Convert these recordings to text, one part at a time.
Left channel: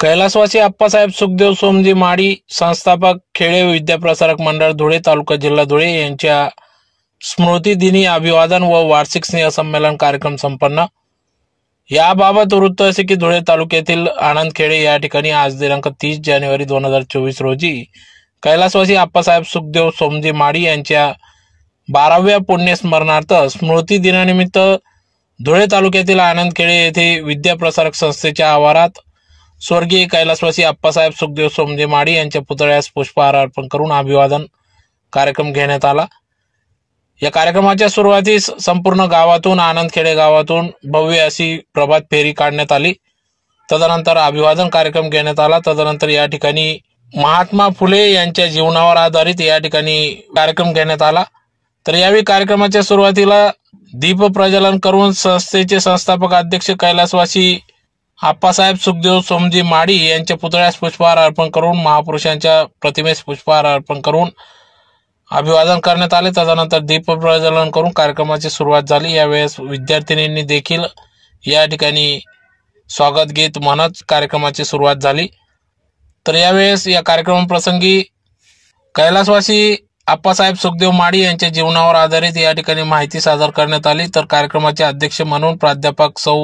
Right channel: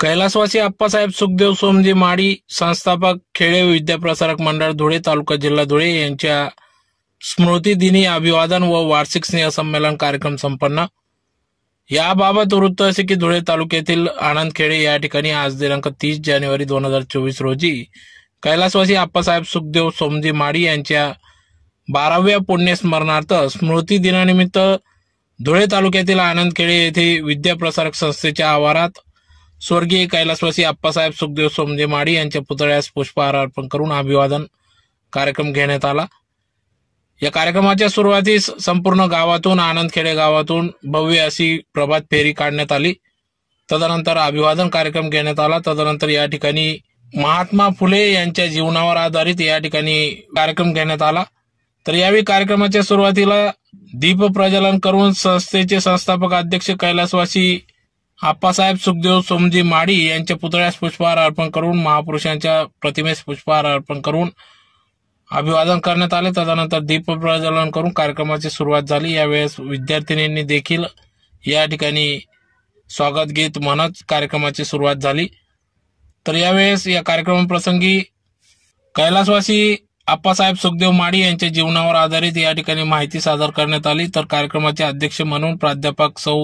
कैलासवासी आप्पासाहेब सुखदेव सोमजी माडी संस्थापक खेळे विद्याप्रसारक मंडळ धुळे तालुका जिल्हा धुळे यांच्या स्मृती दिनी अभिवादन व वार्षिक स्नेहसंमेलन कार्यक्रम संपन्न. याबाबत वृत्त असे की धुळे तालुक्यातील आनंद खेडे या ठिकाणी आज दिनांक तीस जानेवारी दोन हजार चोवीस रोजी कैलासवासी आप्पासाहेब सुखदेव सोमजी माडी यांच्या बाराव्या पुण्यस्मरणार्थ स्मृती दिनानिमित्त धुळे तालुक्यातील आनंद खेडे येथे विद्याप्रसारक संस्थेच्या आवारात स्वर्गीय कैलासवासी आप्पासाहेब सुखदेव सोमजे माडी यांच्या पुतळ्यास पुष्पहार अर्पण करून अभिवादन कार्यक्रम घेण्यात आला. या कार्यक्रमाच्या सुरुवातीस संपूर्ण गावातून आनंदखेडे गावातून भव्य अशी प्रभात फेरी काढण्यात आली. तदनंतर अभिवादन कार्यक्रम घेण्यात आला. तदनंतर या ठिकाणी महात्मा फुले यांच्या जीवनावर आधारित या ठिकाणी कार्यक्रम घेण्यात आला. तर यावेळी कार्यक्रमाच्या सुरुवातीला दीप प्रज्वलन करून संस्थेचे संस्थापक अध्यक्ष कैलासवासी आप्पासाहेब सुखदेव सोमजी माडी यांच्या पुतळ्यास पुष्पहार अर्पण करून महापुरुषांच्या प्रतिमेस पुष्पहार अर्पण करून अभिवादन करण्यात आले. तदनंतर दीप प्रज्वलन करून कार्यक्रमाची सुरुवात झाली. यावेळेस विद्यार्थिनींनी देखील या ठिकाणी स्वागत गीत म्हणत कार्यक्रमाची सुरुवात झाली. तर यावेळेस या कार्यक्रमाप्रसंगी कैलासवासी आप्पासाहेब सुखदेव माडी यांच्या जीवनावर आधारित या ठिकाणी माहिती सादर करण्यात आली. तर कार्यक्रमाचे अध्यक्ष म्हणून प्राध्यापक सौ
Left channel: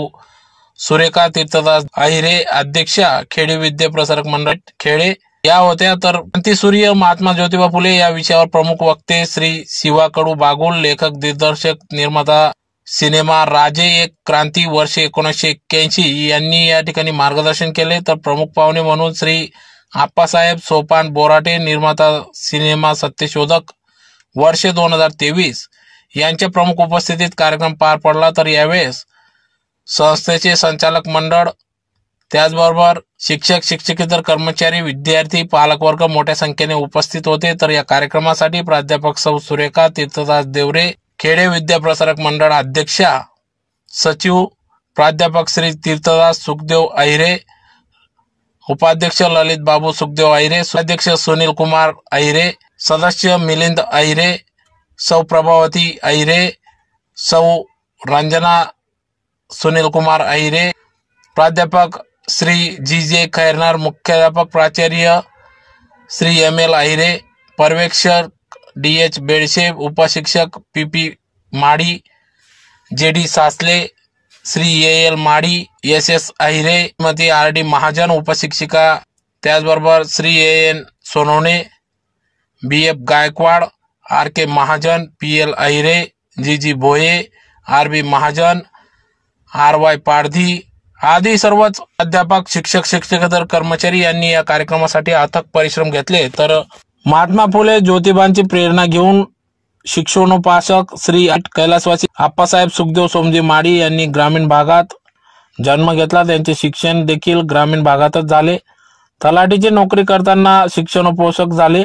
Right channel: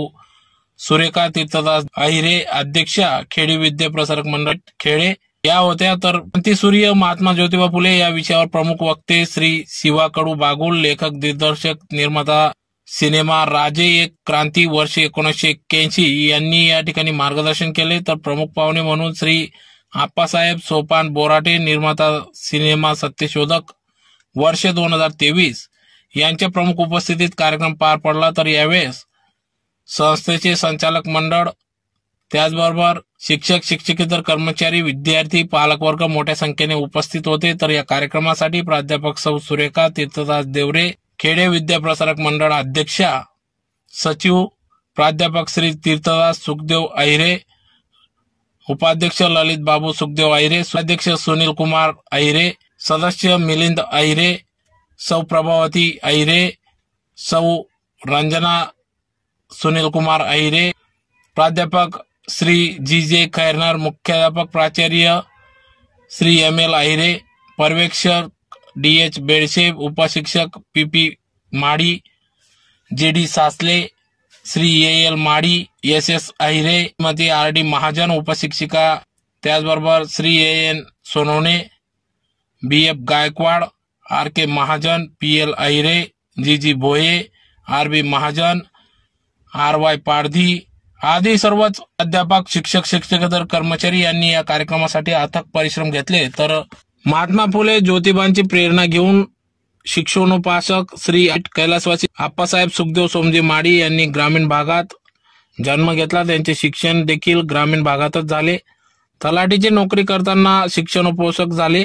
सुरेखा तीर्थदास अहिरे अध्यक्षा खेडे विद्या प्रसारक मंडळ खेडे. या होत्या तर सूर्य महात्मा ज्योतिबा फुले या विषयावर प्रमुख वक्ते श्री शिवा कडू बागुल लेखक दिग्दर्शक निर्माता सिनेमा राजे एक क्रांती वर्ष एकोणीसशे एक्क्याऐंशी यांनी या ठिकाणी मार्गदर्शन केले. तर प्रमुख पाहुणे म्हणून श्री आप्पासाहेब सोपान बोराटे निर्माता सिनेमा सत्यशोधक वर्ष दोन हजार तेवीस यांच्या प्रमुख उपस्थितीत कार्यक्रम पार पडला. तर यावेळेस संस्थेचे संचालक मंडळ त्याचबरोबर शिक्षक शिक्षकेतर कर्मचारी विद्यार्थी पालकवर्ग मोठ्या संख्येने उपस्थित होते. तर या कार्यक्रमासाठी प्राध्यापक सौ. सुरेखा तीर्थदास देवरे खेडे विद्याप्रसारक मंडळ अध्यक्षा सचिव प्राध्यापक श्री तीर्थदास सुखदेव अहिरे उपाध्यक्ष ललित बाबू सुखदेव अहिरे अध्यक्ष सुनील कुमार अहिरे सदस्य मिलिंद अहिरे सौ. प्रभावती अहिरे सौ. रंजना सुनील कुमार अहिरे, प्राध्यापक श्री जी जे खैरनार, मुख्याध्यापक प्राचार्य श्री एम एल अहिरे, पर्यवेक्षक D H Bedshe उपशिक्षक P P Madi, J D Sasle, Shri A L Madi, S S Ahire मध्ये आर डी महाजन, उपशिक्षिका, त्याचबरोबर Shri A N Sonawane B F Gaikwad, R K Mahajan, P L Ahire, G G Bhoye R B Mahajan R Y Pardhi आदी सर्वच अध्यापक शिक्षक शिक्षकेतर कर्मचारी यांनी या कार्यक्रमासाठी अथक परिश्रम घेतले. तर महात्मा फुले ज्योतिबांची प्रेरणा घेऊन शिक्षणोपासक श्री कैलासवासी आप्पासाहेब सुखदेव सोमजी माडी यांनी ग्रामीण भागात जन्म घेतला. त्यांचे शिक्षण देखील ग्रामीण भागातच झाले. तलाठीची नोकरी करताना शिक्षणोपोषक झाले.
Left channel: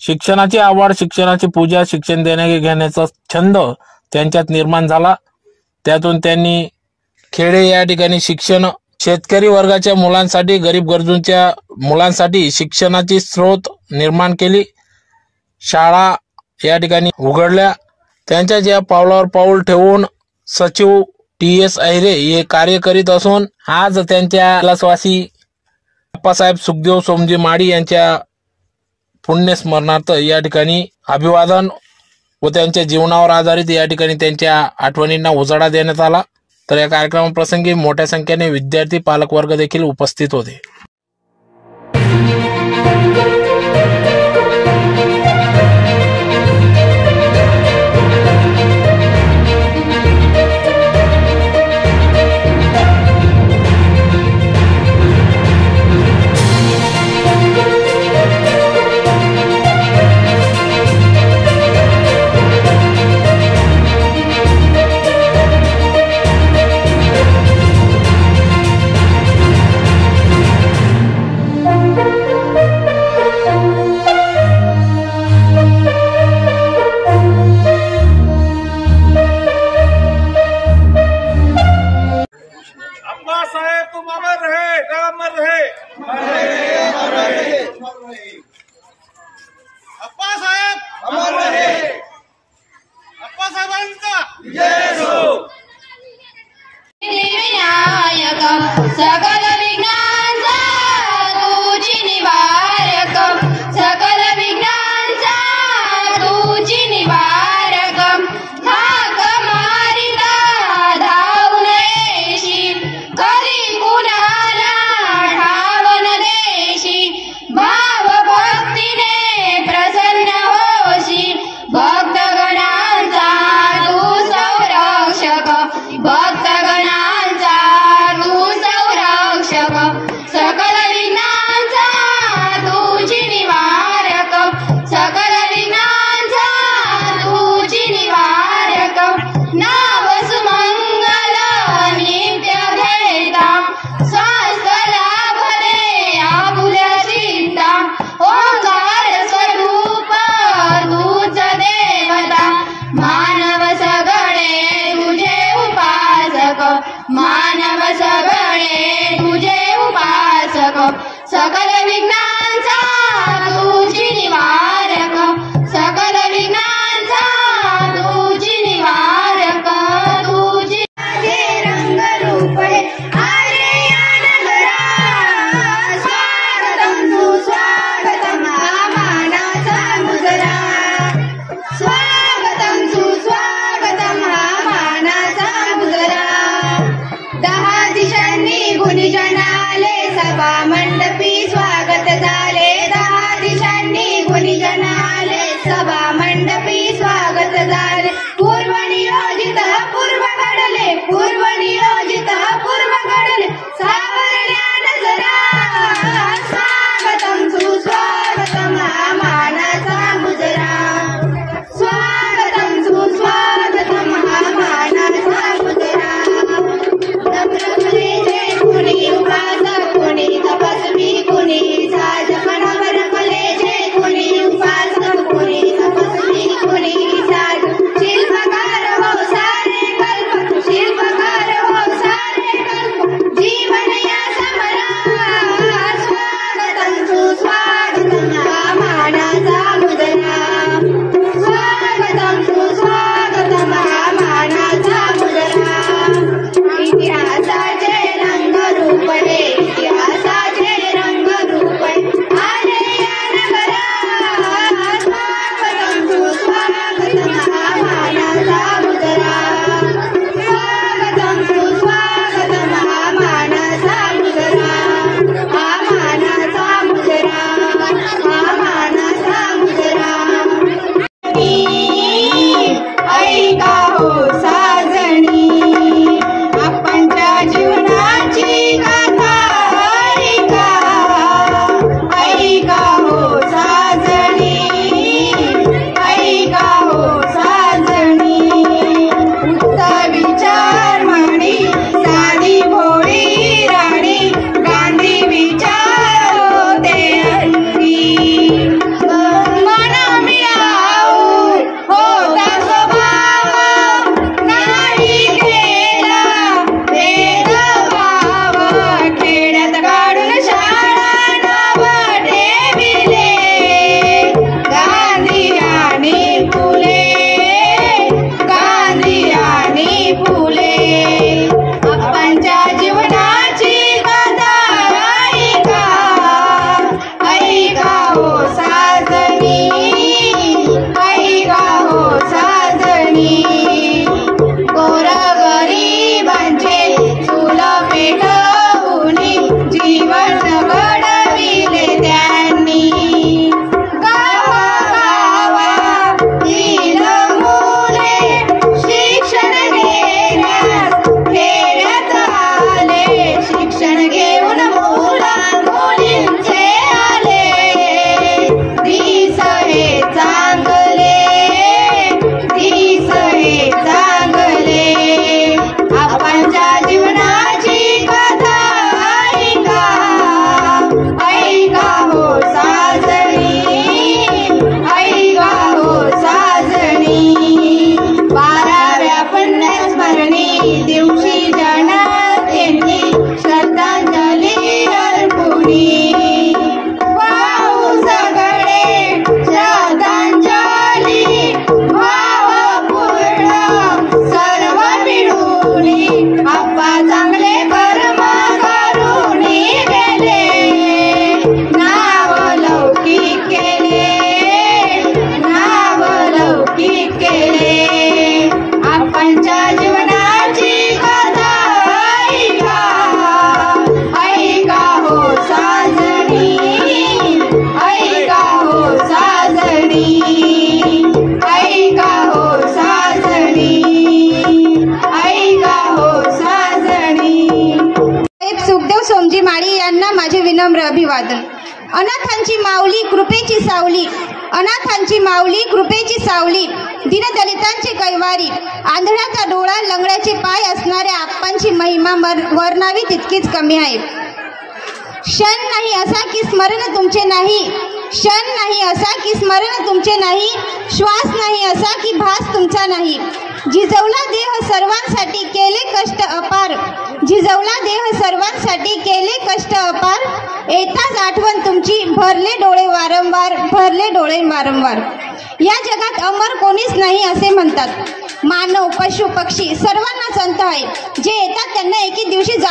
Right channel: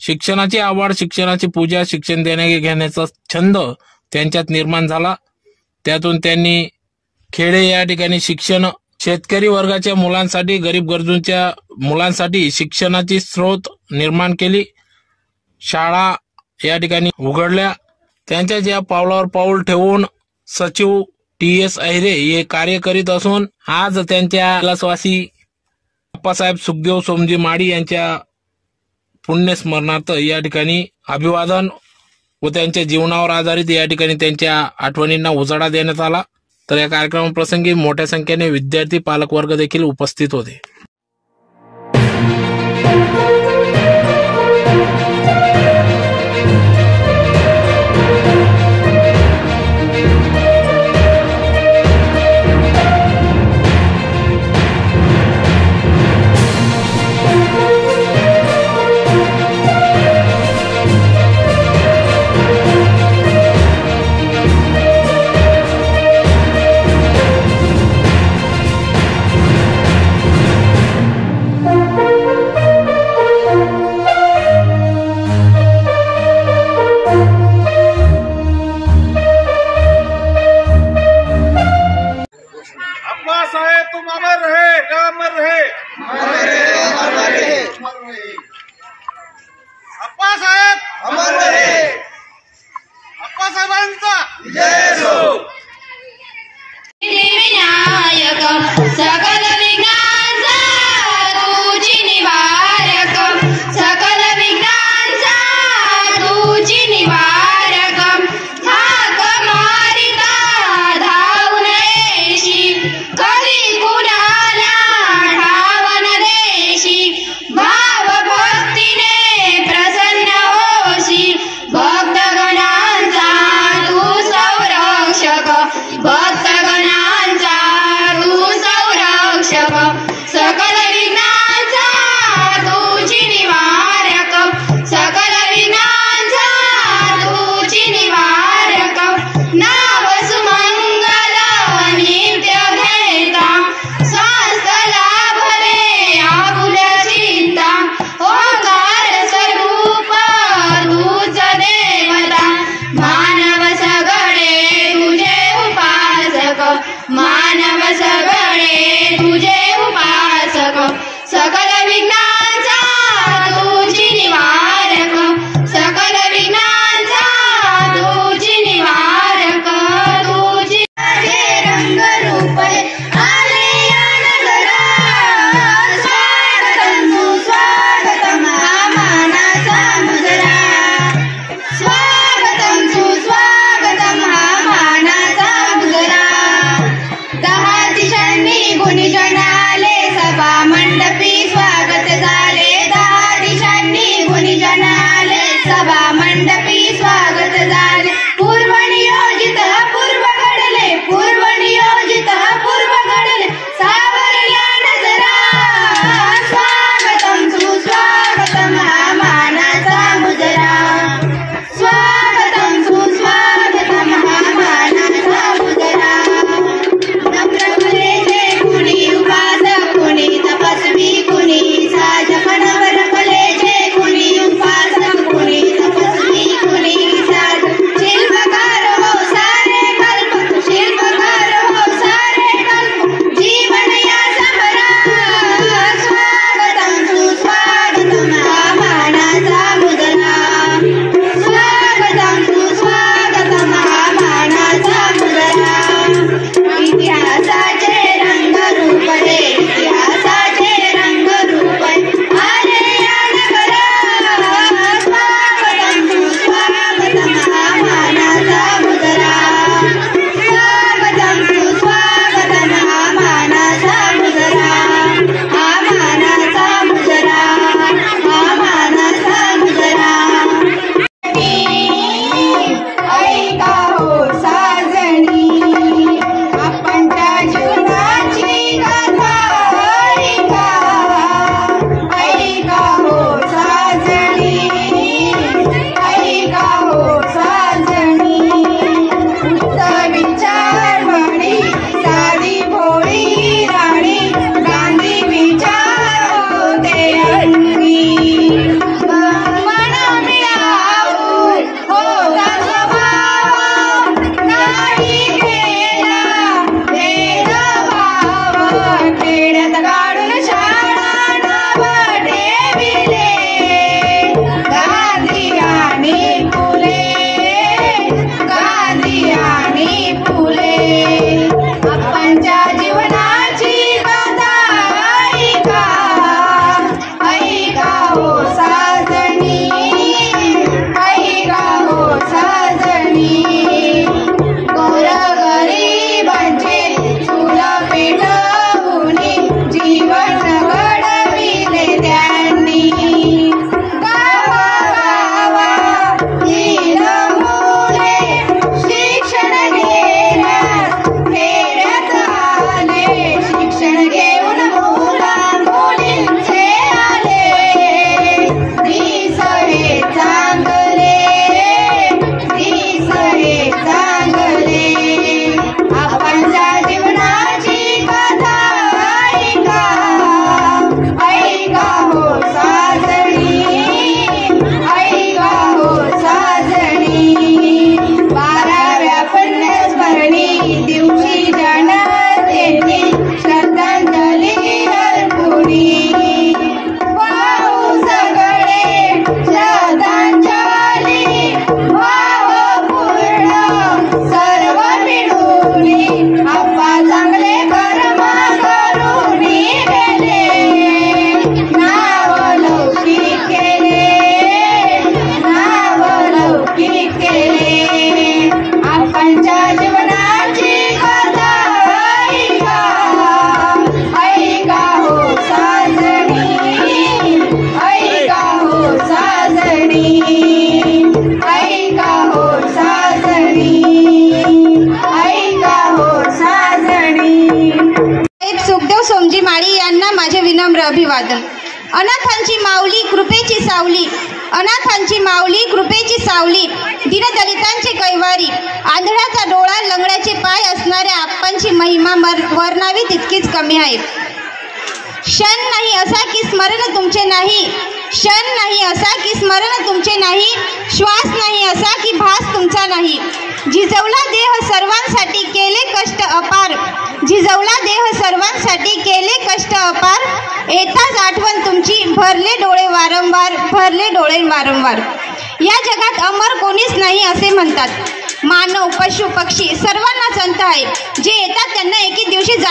शिक्षणाची आवड शिक्षणाची पूजा शिक्षण देण्या घेण्याचा छंद त्यांच्यात निर्माण झाला. त्यातून त्यांनी खेडे या ठिकाणी शिक्षण शेतकरी वर्गाच्या मुलांसाठी गरीब गरजूंच्या मुलांसाठी शिक्षणाची स्रोत निर्माण केली. शाळा या ठिकाणी उघडल्या. त्यांच्या ज्या पावलावर पाऊल ठेवून सचिव टी एस अहिरे हे कार्य करीत असून आज त्यांच्या लसवासी अप्पासाहेब सुखदेव सोमजी माडी यांच्या पुण्यस्मरणार्थ या ठिकाणी अभिवादन व त्यांच्या जीवनावर आधारित या ठिकाणी त्यांच्या आठवणींना उजाळा देण्यात आला. तर या कार्यक्रमाप्रसंगी मोठ्या संख्येने विद्यार्थी पालकवर्ग देखील उपस्थित होते. तुम अमर रहे राम अमर रहे। अप्पा साहेब। अमर रहे अप्पा साहेबांचा विनायक सकल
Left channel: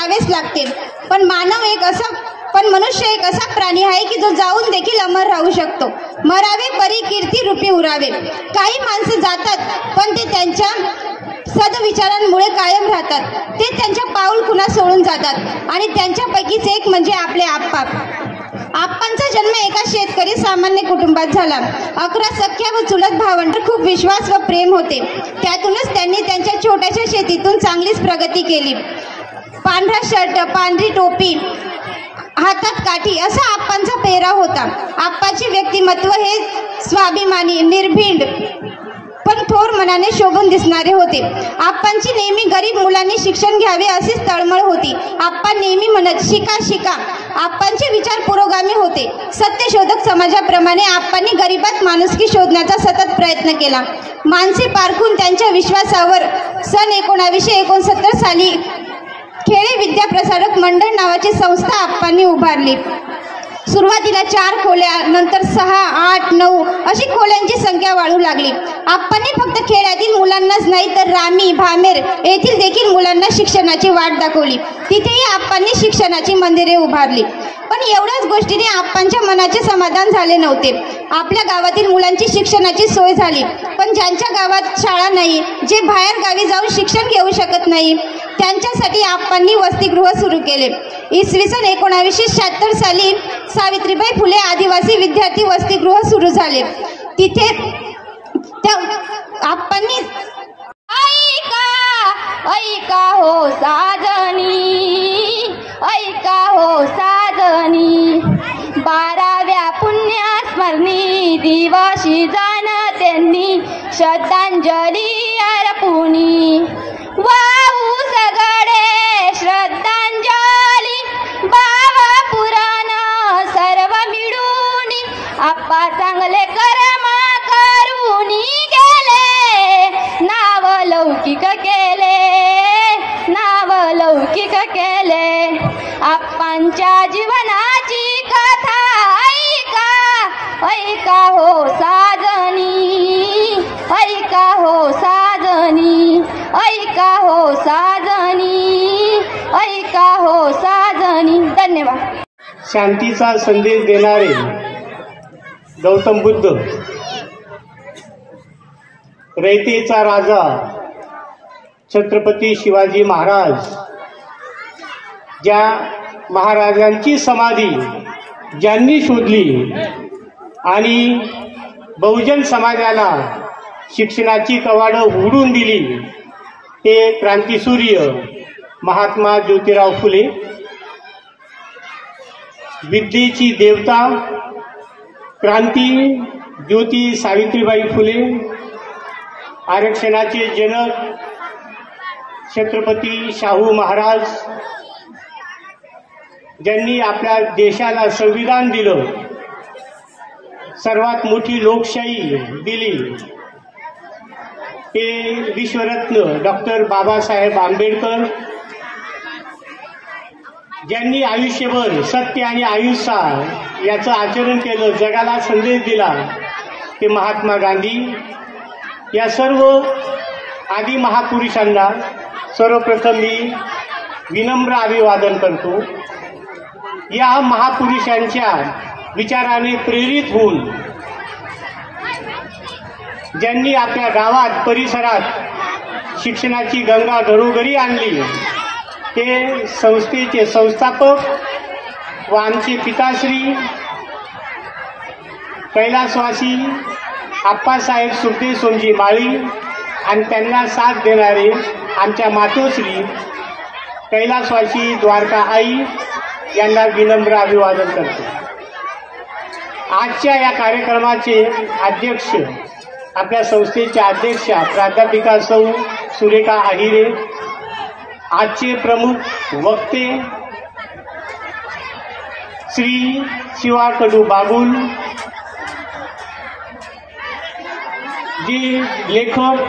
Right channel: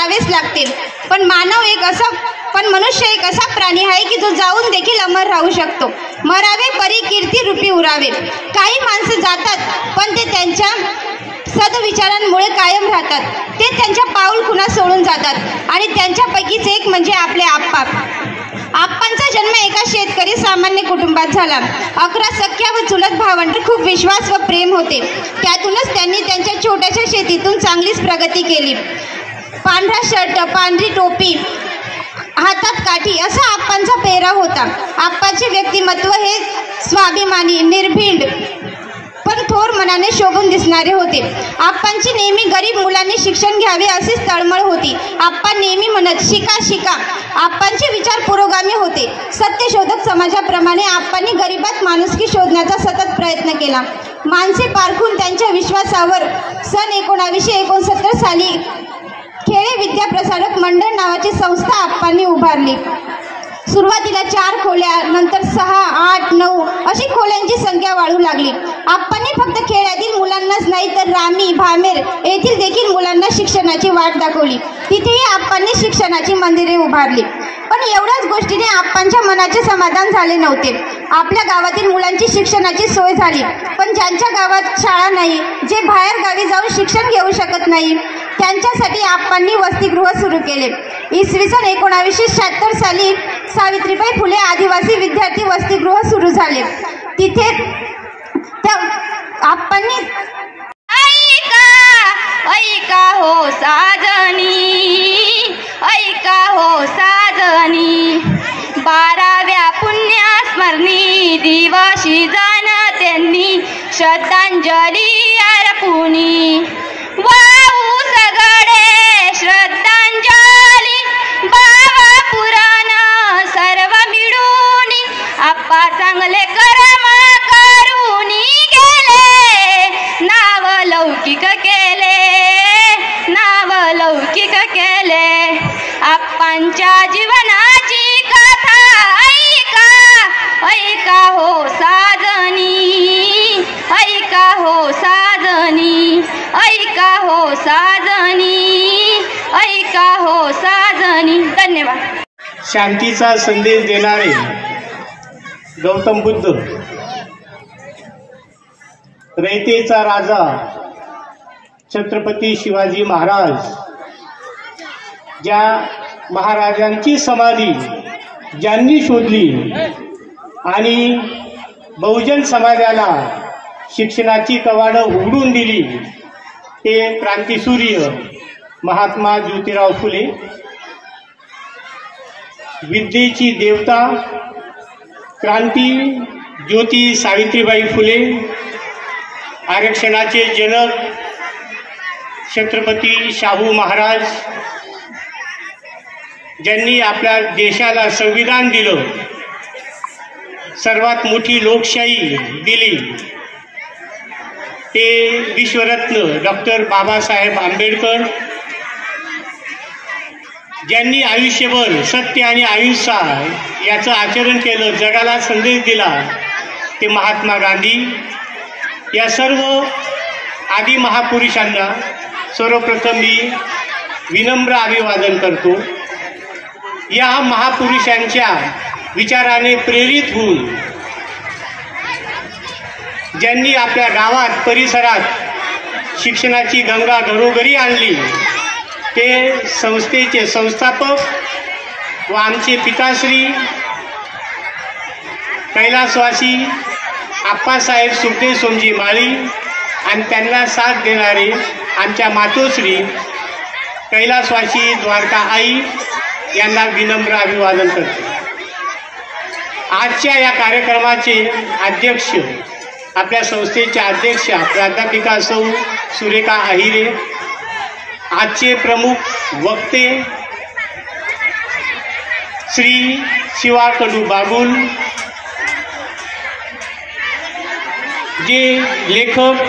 जावेच लागतील पण मानव एक असा पण मनुष्य एक असा प्राणी आहे की जो जाऊन देखील अमर राहू शकतो. मरावे परी कीर्ती रूपी उरावे. काही माणसं जातात पण ते त्यांच्या सदविचारांमुळे कायम राहतात. ते त्यांच्या पाऊल खुणा सोडून जातात आणि त्यांच्यापैकीच एक म्हणजे आपले आप्पा. आप्पांचा जन्म एका शेतकरी सामान्य कुटुंबात झाला. अकरा सख्या व चुलत भावंड खूप विश्वास व प्रेम होते. त्यातूनच त्यांनी त्यांच्या छोट्याशा शेतीतून चांगलीच प्रगती केली. पांढरा शर्ट पांढरी टोपी हातात काठी असा आप्पांचा पेहराव होता. आप्पाचे व्यक्तिमत्व हे स्वाभिमानी निर्भीड पण थोर मनाने शोभून दिसणारे होते. आप्पांची नेहमी गरीब मुलांनी शिक्षण घ्यावे अशीच तळमळ होती. आप्पा नेहमी म्हणत शिका शिका. आप्पांचे विचार पुरोगामी होते. सत्यशोधक समाजाप्रमाणे आप्पांनी गरीबात माणुसकी शोधण्याचा सतत प्रयत्न केला. माणसे पारखून त्यांच्या विश्वासावर सन एकोणावीसशे एकोणसत्तर साली खेळे विद्या प्रसारक मंडळ नावाची संस्था आप्पांनी उभारली. सुरुवातीला चार खोल्या नंतर सहा आठ नऊ अशी खोल्यांची संख्या वाढू लागली. आप्पांनी फक्त खेड्यातील मुलांनाच नाही तर रामी भामेर येथील देखील मुलांना शिक्षणाची वाट दाखवली. तिथेही आप्पांनी शिक्षणाची मंदिरे उभारली. पण एवढ्याच गोष्टीने आप्पांच्या मनाचे समाधान झाले नव्हते. आपल्या गावातील मुलांची शिक्षणाची सोय झाली पण ज्यांच्या गावात शाळा नाही जे बाहेर गावी जाऊन शिक्षण घेऊ शकत नाही त्यांच्यासाठी आप्पांनी वसतिगृह सुरू केले. इसवी सन एकोणावीसशे शहात्तर साली सावित्रीबाई फुले आदिवासी विद्यार्थी वसतिगृह सुरू झाले. तिथे त्या आप्पांनी ऐका ऐका हो साजणी ऐका हो साजनी बाराव्या पुण्यास्मरणी दिवशी जाण त्यांनी श्रद्धांजली अर्पुणी. वाऊ सगळे श्रद्धांजली बाबा पुराण सर्व मिळून आप्पा चांगले कर शांतीचा संदेश देणारे गौतम बुद्ध रयतेचा राजा छत्रपती शिवाजी महाराज ज्या महाराजांची समाधी ज्यांनी शोधली आणि बहुजन समाजाला शिक्षणाची कवाडं उघडून दिली ते क्रांतीसूर्य महात्मा ज्योतिराव फुले विद्येची देवता क्रांती ज्योती सावित्रीबाई फुले आरक्षणाचे जनक छत्रपती शाहू महाराज ज्यांनी आपल्या देशाला संविधान दिलं सर्वात मोठी लोकशाही दिली ते विश्वरत्न डॉक्टर बाबासाहेब आंबेडकर ज्यांनी आयुष्यभर सत्य आणि अहिंसा याचं आचरण केलं जगाला संदेश दिला ते महात्मा गांधी. या सर्व आदी महापुरुषांना सर्वप्रथम मी विनम्र अभिवादन करतो. या महापुरुषांच्या विचाराने प्रेरित होऊन ज्यांनी आपल्या गावात परिसरात शिक्षणाची गंगा घरोघरी आणली ते संस्थेचे संस्थापक व आमचे पिताश्री कैलासवासी आप्पासाहेब सुखदेव सोमजी माळी आणि त्यांना साथ देणारे आमच्या मातोश्री कैलासवासी द्वारका आई यांना विनम्र अभिवादन करतो. आजच्या या कार्यक्रमाचे अध्यक्ष आपल्या संस्थेच्या अध्यक्षा प्राध्यापिका सौ सुरेखा आहिरे आजचे प्रमुख वक्ते श्री शिवा कडू बाबुल जे लेखक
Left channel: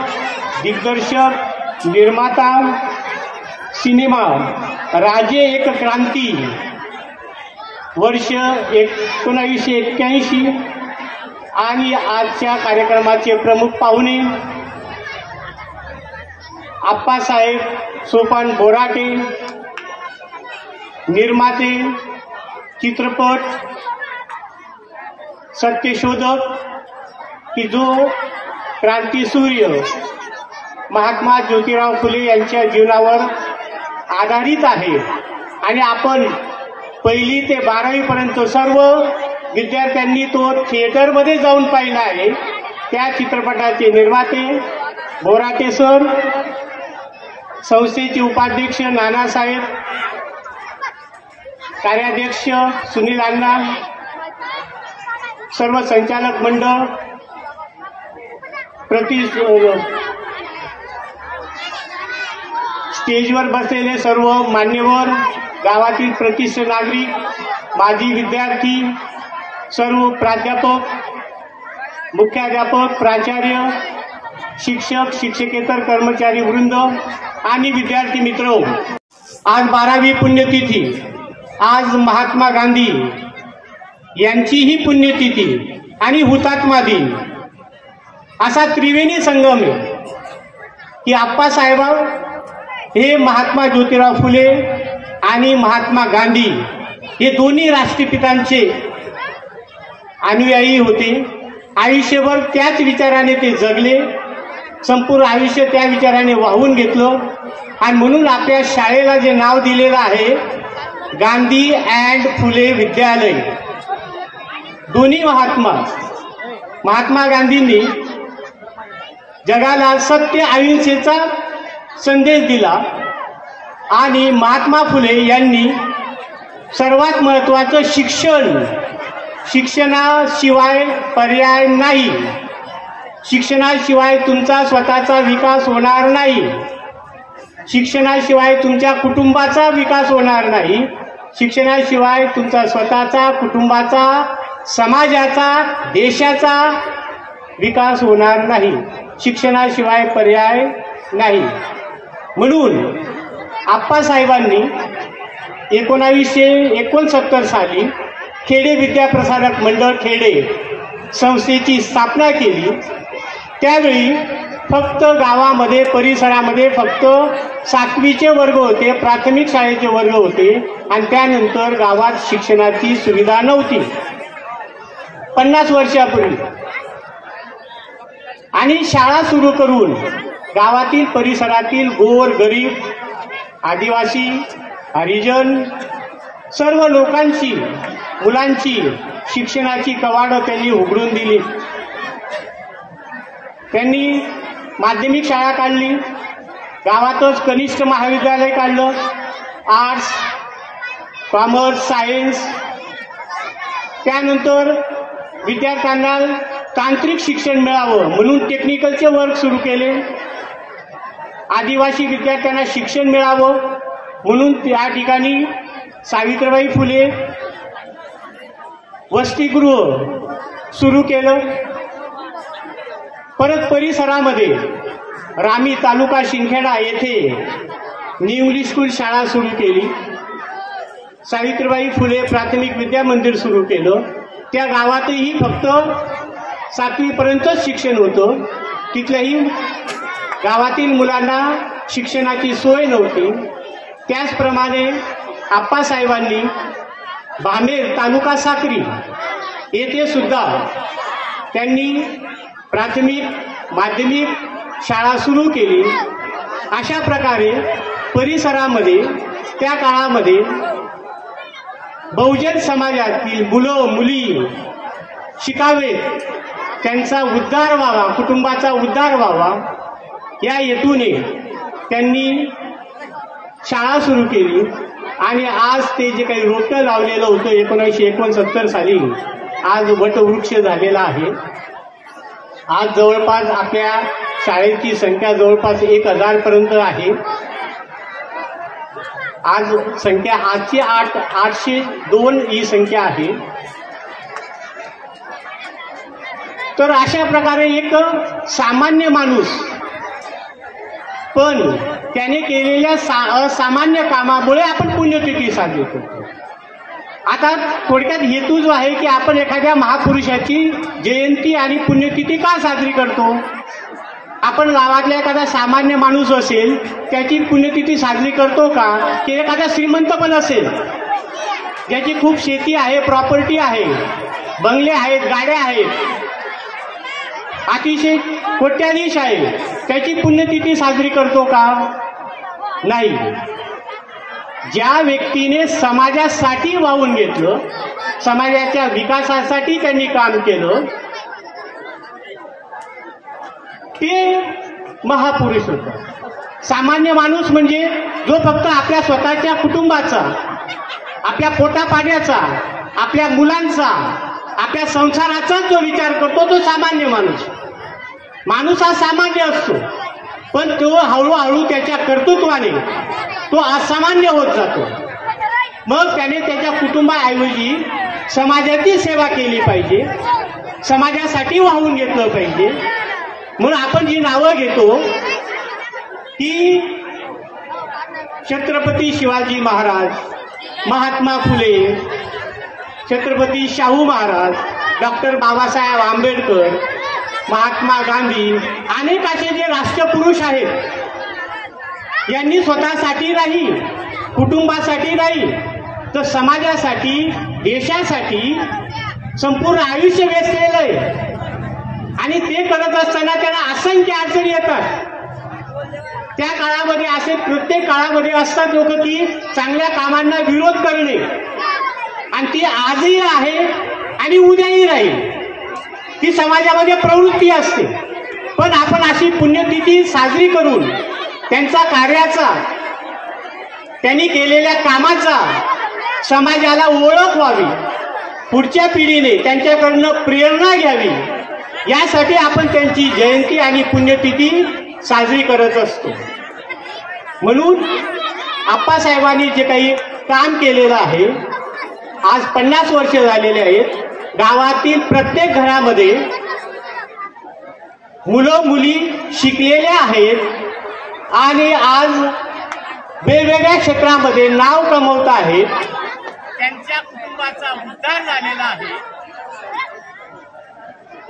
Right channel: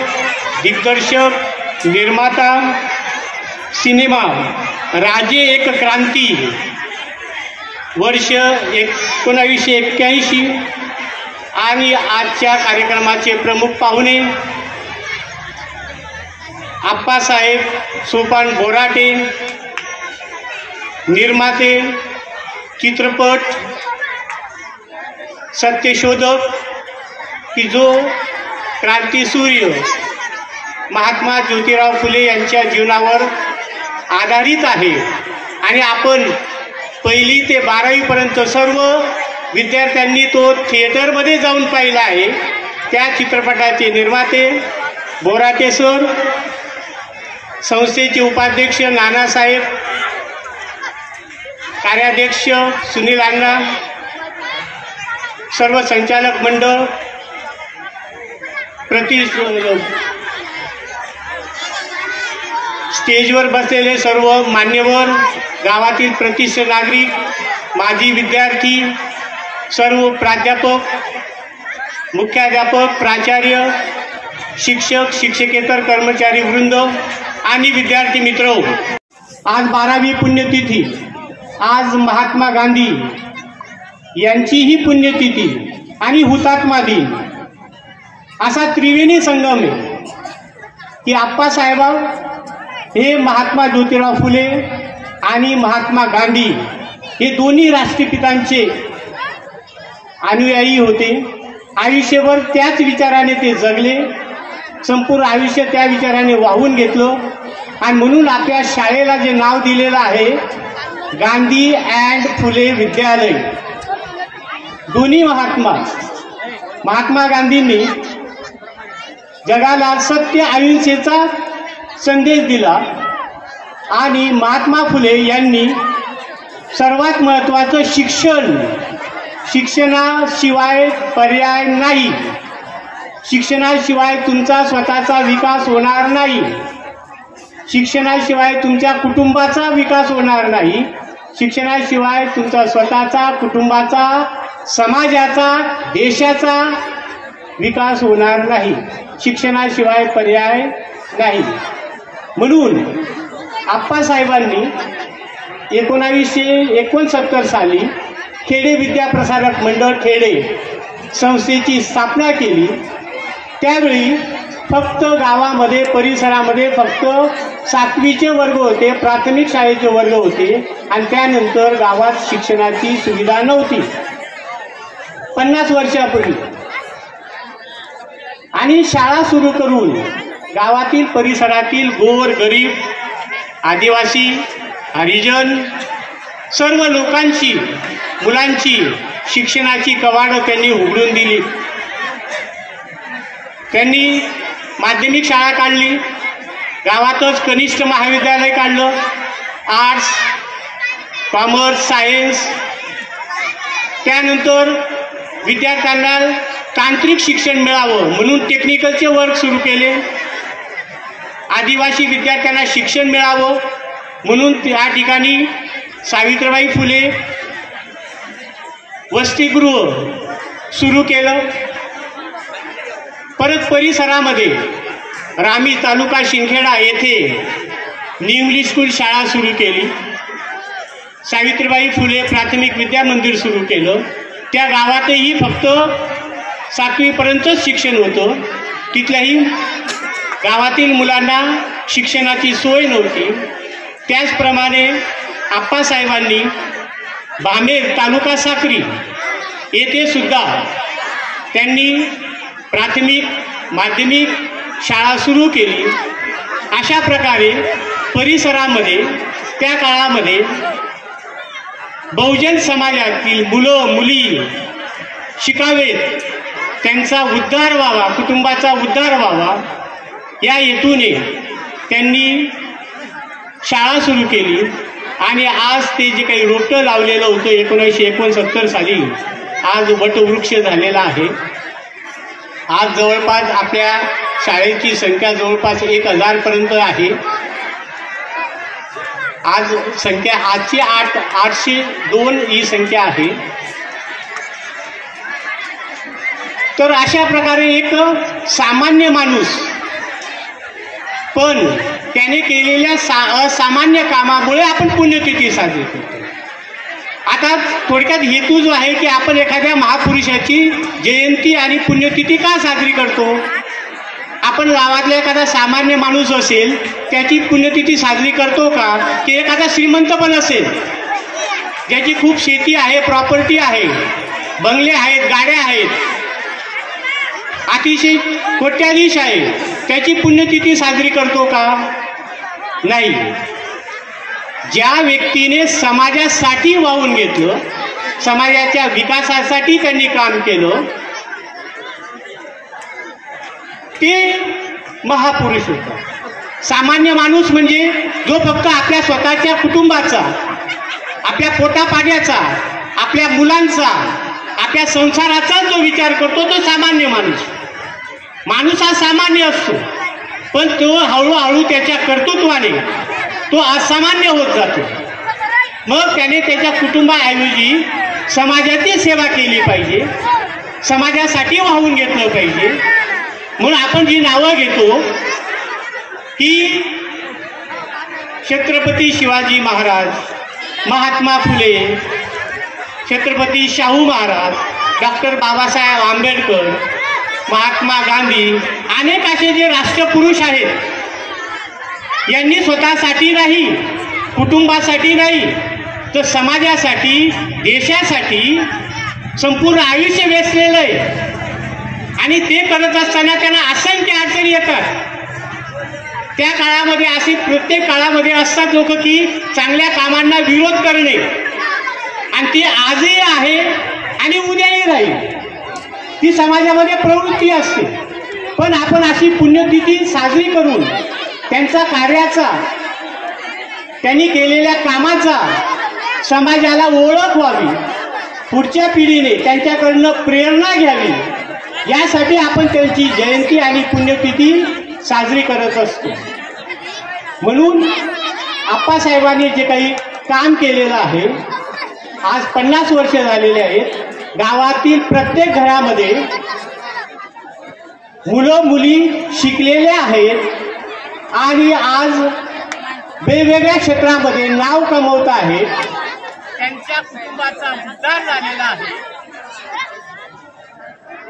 दिग्दर्शक निर्माता सिनेमा राजे एक क्रांती वर्ष एकोणावीसशे एक्क्याऐंशी आणि आजच्या कार्यक्रमाचे प्रमुख पाहुणे आप्पासाहेब सोपान बोराटे निर्माते चित्रपट सत्यशोधक की जो क्रांतीसूर्य महात्मा ज्योतिराव फुले यांच्या जीवनावर आधारित आहे. आणि आपण पहिली ते बारावीपर्यंत सर्व विद्यार्थ्यांनी तो थिएटरमध्ये जाऊन पाहिला आहे. त्या चित्रपटाचे निर्माते बोराटे सर संस्थेचे उपाध्यक्ष नानासाहेब कार्याध्यक्ष सुनील अण्णा सर्व संचालक मंडळ प्रति स्टेजवर बसलेले सर्व मान्यवर गावातील प्रतिष्ठ नागरिक माजी विद्यार्थी सर्व प्राध्यापक मुख्याध्यापक प्राचार्य शिक्षक शिक्षकेतर कर्मचारी वृंद आणि विद्यार्थी मित्र आज बारावी पुण्यतिथी. आज महात्मा गांधी यांचीही पुण्यतिथी आणि हुतात्मा दिन. असा त्रिवेणी संगम आहे की आप्पासाहेबा हे महात्मा ज्योतिराव फुले आणि महात्मा गांधी हे दोन्ही राष्ट्रपितांचे अनुयायी होते. आयुष्यभर त्याच विचाराने ते जगले. संपूर्ण आयुष्य त्या विचाराने वाहून घेतलं. आणि म्हणून आपल्या शाळेला जे नाव दिलेलं आहे गांधी अँड फुले विद्यालय. दोन्ही महात्मा महात्मा गांधींनी जगाला सत्य अहिंसेचा संदेश दिला. आणि महात्मा फुले यांनी सर्वात महत्त्वाचं शिक्षण शिक्षणाशिवाय पर्याय नाही. शिक्षणाशिवाय तुमचा स्वतःचा विकास होणार नाही. शिक्षणाशिवाय तुमच्या कुटुंबाचा विकास होणार नाही. शिक्षणाशिवाय तुमचा स्वतःचा कुटुंबाचा समाजाचा देशाचा विकास होणार नाही. शिक्षणाशिवाय पर्याय नाही. म्हणून आप्पासाहेबांनी एकोणावीसशे एकोणसत्तर साली खेडे विद्याप्रसारक मंडळ खेडे संस्थेची स्थापना केली. त्यावेळी फक्त गावामध्ये परिसरामध्ये फक्त सातवीचे वर्ग होते प्राथमिक शाळेचे वर्ग होते आणि त्यानंतर गावात शिक्षणाची सुविधा नव्हती. पन्नास वर्षापूर्वी. आणि शाळा सुरू करून गावातील परिसरातील गोर गरीब आदिवासी हरिजन सर्व लोकांची मुलांची शिक्षणाची कवाडं त्यांनी उघडून दिली. त्यांनी माध्यमिक शाळा काढली. गावातच कनिष्ठ महाविद्यालय काढलं. आर्ट्स कॉमर्स सायन्स त्यानंतर विद्यार्थ्यांना तांत्रिक शिक्षण मिळावं म्हणून टेक्निकलचे वर्क सुरू केले. आदिवासी विद्यार्थ्यांना शिक्षण मिळावं म्हणून त्या ठिकाणी सावित्रीबाई फुले वसतिगृह सुरू केलं. परत परिसरामध्ये रामी तालुका शिंदखेडा येथे निवली स्कूल शाळा सुरू केली. सावित्रीबाई फुले प्राथमिक विद्या मंदिर सुरू केलं. त्या गावातही फक्त सातवीपर्यंतच शिक्षण होतं. तिथल्याही गावातील मुलांना शिक्षणाची सोय नव्हती. त्याचप्रमाणे आप्पासाहेबांनी बामेर तालुका साक्री येथे सुद्धा त्यांनी प्राथमिक माध्यमिक शाळा सुरू केली. अशा प्रकारे परिसरामध्ये त्या काळामध्ये बहुजन समाजातील मुलं मुली शिकावेत. त्यांचा उद्धार व्हावा कुटुंबाचा उद्धार व्हावा. या हेतूने त्यांनी शाळा सुरू केली आणि आज ते जे काही रोपटं लावलेलं होतं एकोणीसशे एकोणसत्तर साली आज वटवृक्ष झालेला आहे. आज जवळपास आपल्या शाळेची संख्या जवळपास एक हजारपर्यंत आहे. आज संख्या आजची आठ आठशे दोन ही संख्या आहे. तर अशा प्रकारे एक सामान्य माणूस पण त्याने केलेल्या सा असामान्य कामामुळे आपण पुण्यतिथी साजरी करतो. आता थोडक्यात हेतू जो आहे की आपण एखाद्या महापुरुषाची जयंती आणि पुण्यतिथी का साजरी करतो? आपण गावातला एखादा सामान्य माणूस असेल त्याची पुण्यतिथी साजरी करतो का? की एखादा श्रीमंत पण असेल ज्याची खूप शेती आहे प्रॉपर्टी आहे बंगले आहेत गाड्या आहेत अतिशय कोट्याधीश आहे त्याची पुण्यतिथी साजरी करतो का? नाही. ज्या व्यक्तीने समाजासाठी वाहून घेतलं समाजाच्या विकासासाठी त्यांनी काम केलं ते महापुरुष होता. सामान्य माणूस म्हणजे जो फक्त आपल्या स्वतःच्या कुटुंबाचा आपल्या पोटापाण्याचा आपल्या मुलांचा आपल्या संसाराचाच जो विचार करतो तो सामान्य माणूस. माणूस हा सामान्य असतो. पण तो हळूहळू त्याच्या कर्तृत्वाने तो असामान्य होत जातो. मग त्याने त्याच्या कुटुंबाऐवजी समाजाची सेवा केली पाहिजे. समाजासाठी वाहून घेतलं पाहिजे. म्हणून आपण जी नावं घेतो की छत्रपती शिवाजी महाराज महात्मा फुले छत्रपती शाहू महाराज डॉक्टर बाबासाहेब आंबेडकर महात्मा गांधी अनेक असे जे राष्ट्रपुरुष आहेत यांनी स्वतःसाठी नाही कुटुंबासाठी नाही तर समाजासाठी देशासाठी संपूर्ण आयुष्य वेचलेलं आहे. आणि ते करत असताना त्यांना असंख्य अडचणी येतात. त्या काळामध्ये असे प्रत्येक काळामध्ये असतात लोक की चांगल्या कामांना विरोध करणे. आणि ती आजही आहे आणि उद्याही राहील. ती समाजामध्ये प्रवृत्ती असते. पण आपण अशी पुण्यतिथी साजरी करून त्यांचा कार्याचा त्यांनी केलेल्या कामाचा समाजाला ओळख व्हावी. पुढच्या पिढीने त्यांच्याकडनं प्रेरणा घ्यावी. यासाठी आपण त्यांची जयंती आणि पुण्यतिथी साजरी करत असतो. म्हणून आप्पासाहेबांनी जे काही काम केलेलं आहे आज पन्नास वर्ष झालेले आहेत. गावातील प्रत्येक घरामध्ये मुलं मुली शिकलेल्या आहेत. आणि आज वेगवेगळ्या क्षेत्रामध्ये नाव कमवत आहेत. त्यांच्या कुटुंबाचा उद्धार झालेला आहे.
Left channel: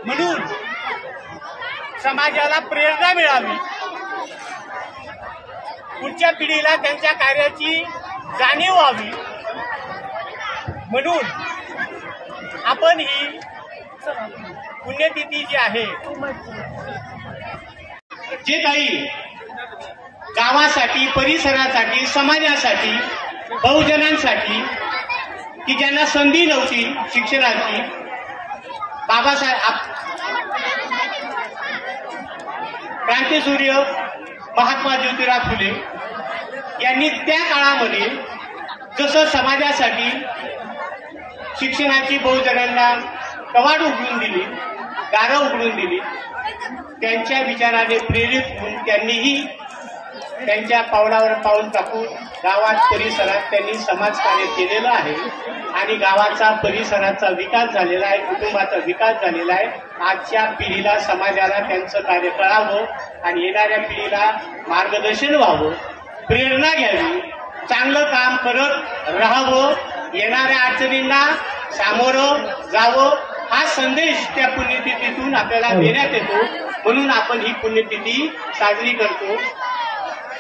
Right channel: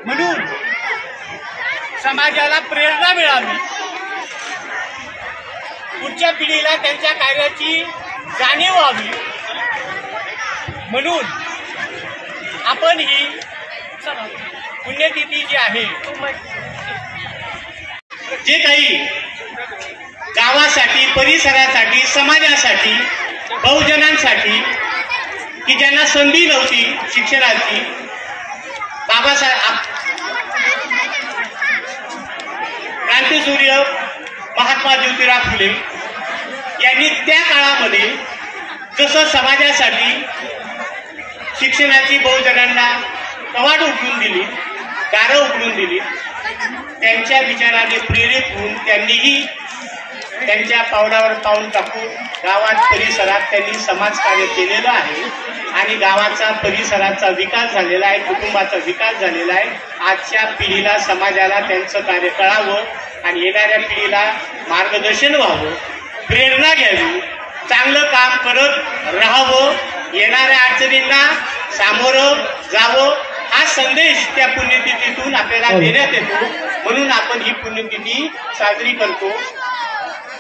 म्हणून समाजाला प्रेरणा मिळावी. पुढच्या पिढीला त्यांच्या कार्याची जाणीव व्हावी. म्हणून आपण ही पुण्यतिथी जी आहे जे काही गावासाठी परिसरासाठी समाजासाठी बहुजनांसाठी की ज्यांना संधी नव्हती शिक्षणाची बाबासाहेब क्रांतीसूर्य महात्मा ज्योतिराव फुले यांनी त्या काळामध्ये जसं समाजासाठी शिक्षणाची बहुजनांना कवाड उघडून दिली दारं उघडून दिली त्यांच्या विचाराने प्रेरित होऊन त्यांनीही त्यांच्या पावलावर पाऊल टाकून गावात परिसरात त्यांनी समाजकार्य केलेलं आहे. आणि गावाचा परिसराचा विकास झालेला आहे कुटुंबाचा विकास झालेला आहे. आजच्या पिढीला समाजाला त्यांचं कार्य कळावं आणि येणाऱ्या पिढीला मार्गदर्शन व्हावं प्रेरणा घ्यावी चांगलं काम करत राहावं येणाऱ्या अडचणींना सामोरं जावं हा संदेश त्या पुण्यतिथीतून आपल्याला देण्यात येतो. म्हणून आपण ही पुण्यतिथी साजरी करतो.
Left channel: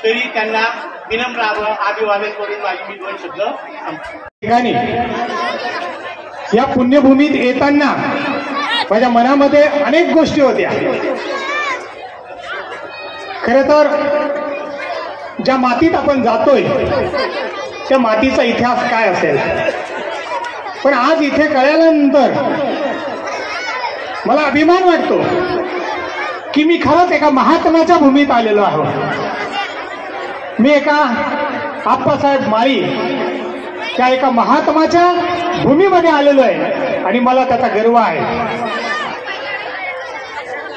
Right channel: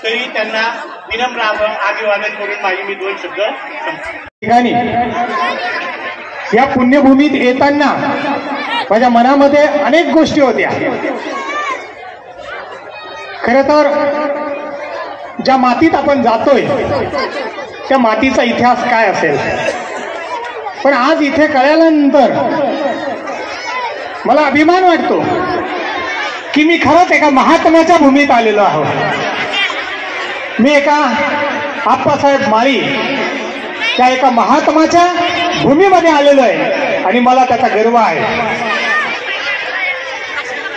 तरी त्यांना विनम्र अभिवादन करून माझी मी दोन शब्द ठिकाणी या पुण्यभूमीत येताना माझ्या मनामध्ये अनेक गोष्टी होत्या. खर तर ज्या मातीत आपण जातोय त्या मातीचा इतिहास काय असेल? पण आज इथे कळल्यानंतर मला अभिमान वाटतो की मी खरंच एका महात्म्याच्या भूमीत आलेलो आहोत मी एका आप्पासाहेब माळी त्या एका महात्माच्या भूमीमध्ये आलेलो आहे आणि मला त्याचा गर्व आहे.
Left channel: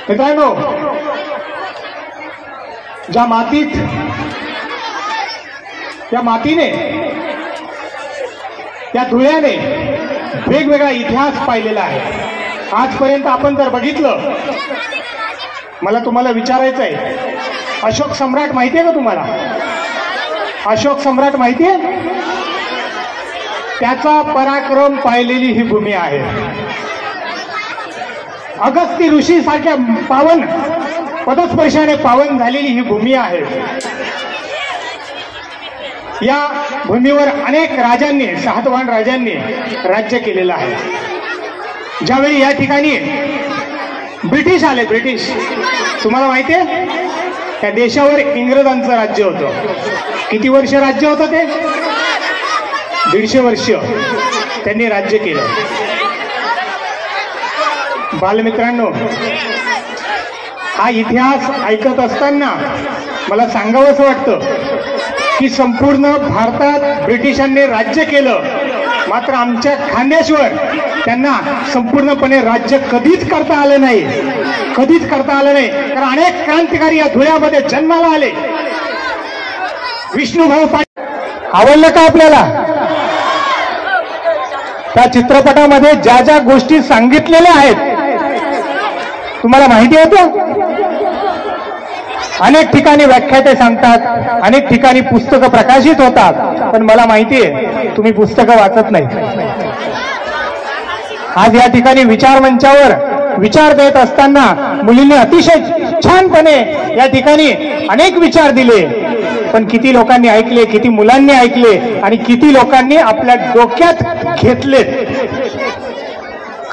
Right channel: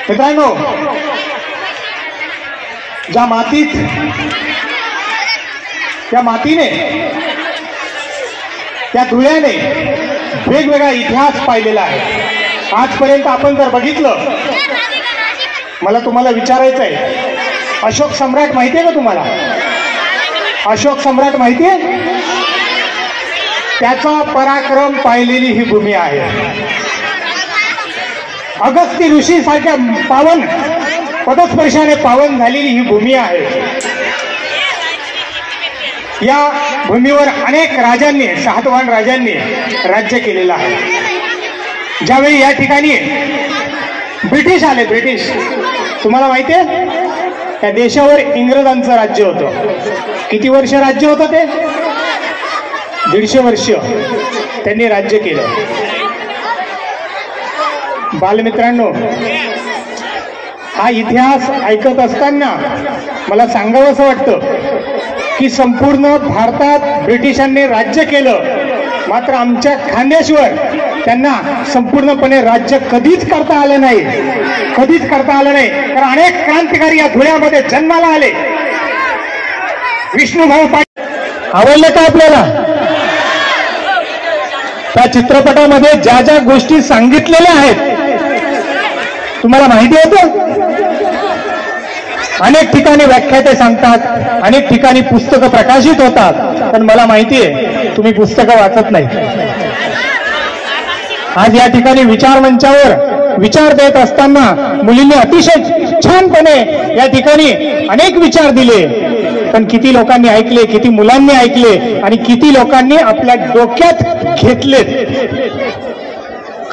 मित्रांनो ज्या मातीत त्या मातीने त्या धुळ्याने वेगवेगळा इतिहास पाहिलेला आहे. आजपर्यंत आपण जर बघितलं मला तुम्हाला विचारायचं आहे अशोक सम्राट माहिती आहे का तुम्हाला? अशोक सम्राट माहिती आहे? त्याचा पराक्रम पाहिलेली ही भूमी आहे. अगस्ती ऋषी सारख्या पावन पदस्पर्शाने पावन झालेली ही भूमी आहे. या भूमीवर अनेक राजांनी सातवान राजांनी राज्य केलेलं आहे. ज्यावेळी या ठिकाणी ब्रिटिश आले ब्रिटिश तुम्हाला माहिती आहे? त्या देशावर इंग्रजांचं राज्य होतं. किती वर्ष राज्य होतं ते? दीडशे वर्ष त्यांनी राज्य केलं. बालमित्रांनो हा इतिहास ऐकत असताना मला सांगावं असं वाटतं की संपूर्ण भारतात ब्रिटिशांनी राज्य केलं मात्र आमच्या खांद्याशिवाय त्यांना संपूर्णपणे राज्य कधीच करता आलं नाही. कधीच करता आलं नाही. तर अनेक क्रांतिकारी या धुळ्यामध्ये जन्माला आले. विष्णूभाऊ पाटील आवडलं का आपल्याला? त्या चित्रपटामध्ये ज्या ज्या गोष्टी सांगितलेल्या आहेत तुम्हाला माहिती होतं अनेक ठिकाणी व्याख्याते सांगतात अनेक ठिकाणी पुस्तकं प्रकाशित होतात पण मला माहिती आहे तुम्ही पुस्तकं वाचत नाही. आज या ठिकाणी विचार मंचावर विचार देत असताना मुलींनी अतिशय छानपणे या ठिकाणी अनेक विचार दिले. पण किती लोकांनी ऐकले किती मुलांनी ऐकले आणि किती लोकांनी आपल्या डोक्यात घेतलेत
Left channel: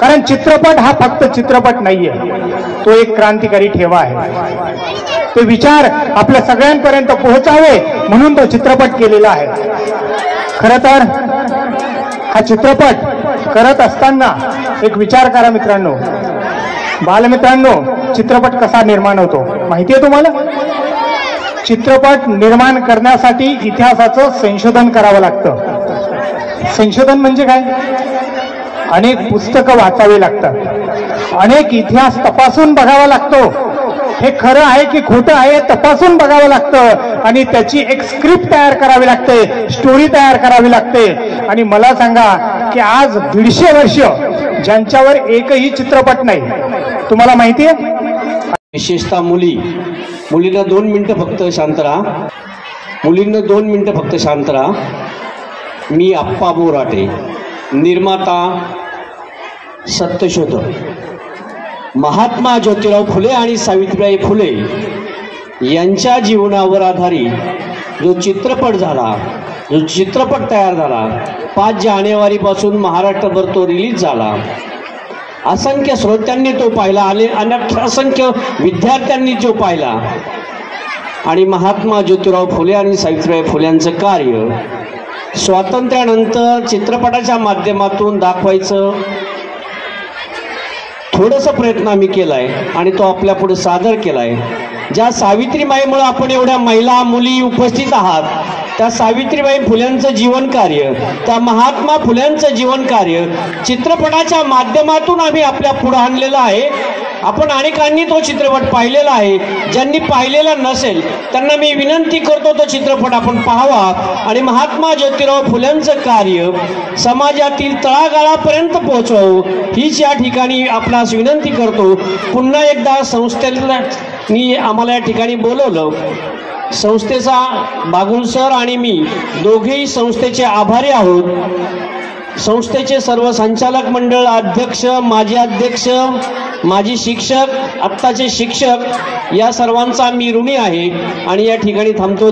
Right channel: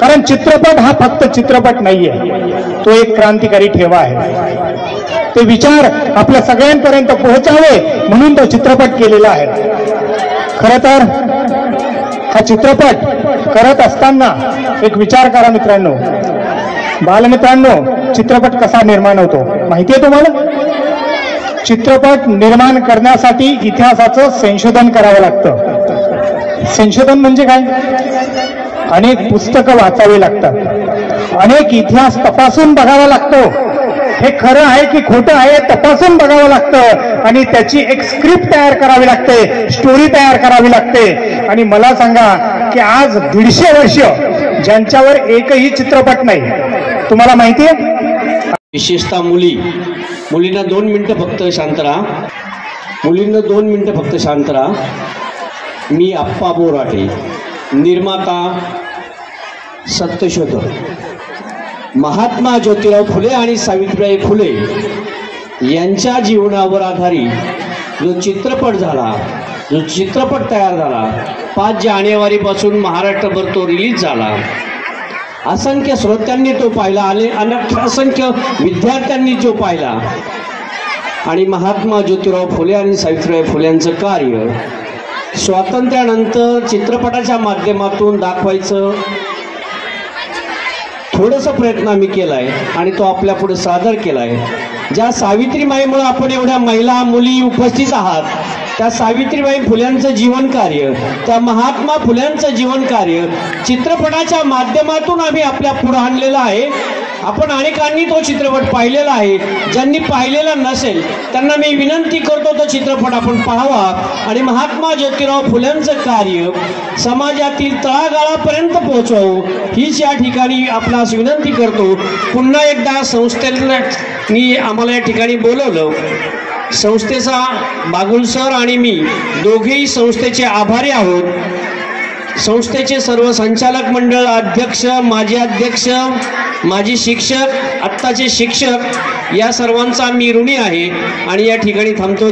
कारण चित्रपट हा फक्त चित्रपट नाहीये. तो एक क्रांतिकारी ठेवा आहे. ते विचार आपल्या सगळ्यांपर्यंत पोहोचावे म्हणून तो चित्रपट केलेला आहे. खर तर हा चित्रपट करत असताना एक विचार करा मित्रांनो. बालमित्रांनो चित्रपट कसा निर्माण होतो? माहितीये तुम्हाला? चित्रपट निर्माण करण्यासाठी इतिहासाचं संशोधन करावं लागतं. संशोधन म्हणजे काय? अनेक पुस्तकं वाचावी लागतात. अनेक इतिहास तपासून बघावा लागतो. हे खरं आहे की खोटं आहे तपासून बघावं लागतं. आणि त्याची एक स्क्रिप्ट तयार करावी लागते स्टोरी तयार करावी लागते. आणि मला सांगा की आज दीडशे वर्ष ज्यांच्यावर एकही चित्रपट नाही. तुम्हाला माहिती आहे? विशेषतः मुली. मुलींना दोन मिनिटं फक्त शांत राहा. मुलींना दोन मिनिटं फक्त शांत राहा. मी आप्पा बोराटे निर्माता सत्यशोधक. महात्मा ज्योतिराव फुले आणि सावित्रीबाई फुले यांच्या जीवनावर आधारित जो चित्रपट झाला जो चित्रपट तयार झाला पाच जानेवारीपासून महाराष्ट्रभर तो रिलीज झाला. असंख्य श्रोत्यांनी तो पाहिला आणि अनेक असंख्य विद्यार्थ्यांनी तो पाहिला. आणि महात्मा ज्योतिराव फुले आणि सावित्रीबाई फुल्यांचं कार्य स्वातंत्र्यानंतर चित्रपटाच्या माध्यमातून दाखवायचं थोडासा प्रयत्न आम्ही केलाय आणि तो आपल्या पुढे सादर केलाय. ज्या सावित्रीबाईमुळे आपण एवढ्या महिला मुली उपस्थित आहात त्या सावित्रीबाई फुल्यांचं जीवन कार्य त्या महात्मा फुल्यांचं जीवन कार्य चित्रपटाच्या माध्यमातून आम्ही आपल्या पुढे आणलेलं आहे. आपण अनेकांनी तो चित्रपट पाहिलेला आहे. ज्यांनी पाहिलेला नसेल त्यांना मी विनंती करतो तो चित्रपट आपण पाहावा. आणि महात्मा ज्योतिराव फुल्यांचं कार्य समाजातील तळागाळापर्यंत पोहोचवावं हीच या ठिकाणी आपणास विनंती करतो. पुन्हा एकदा संस्थेला मी आम्हाला या ठिकाणी बोलवलं. संस्थेचा बागुल सर आणि मी दोघेही संस्थेचे आभारी आहोत. संस्थेचे सर्व संचालक मंडळ अध्यक्ष माजी अध्यक्ष माजी शिक्षक आत्ताचे शिक्षक या सर्वांचा मी ऋणी आहे आणि या ठिकाणी थांबतो.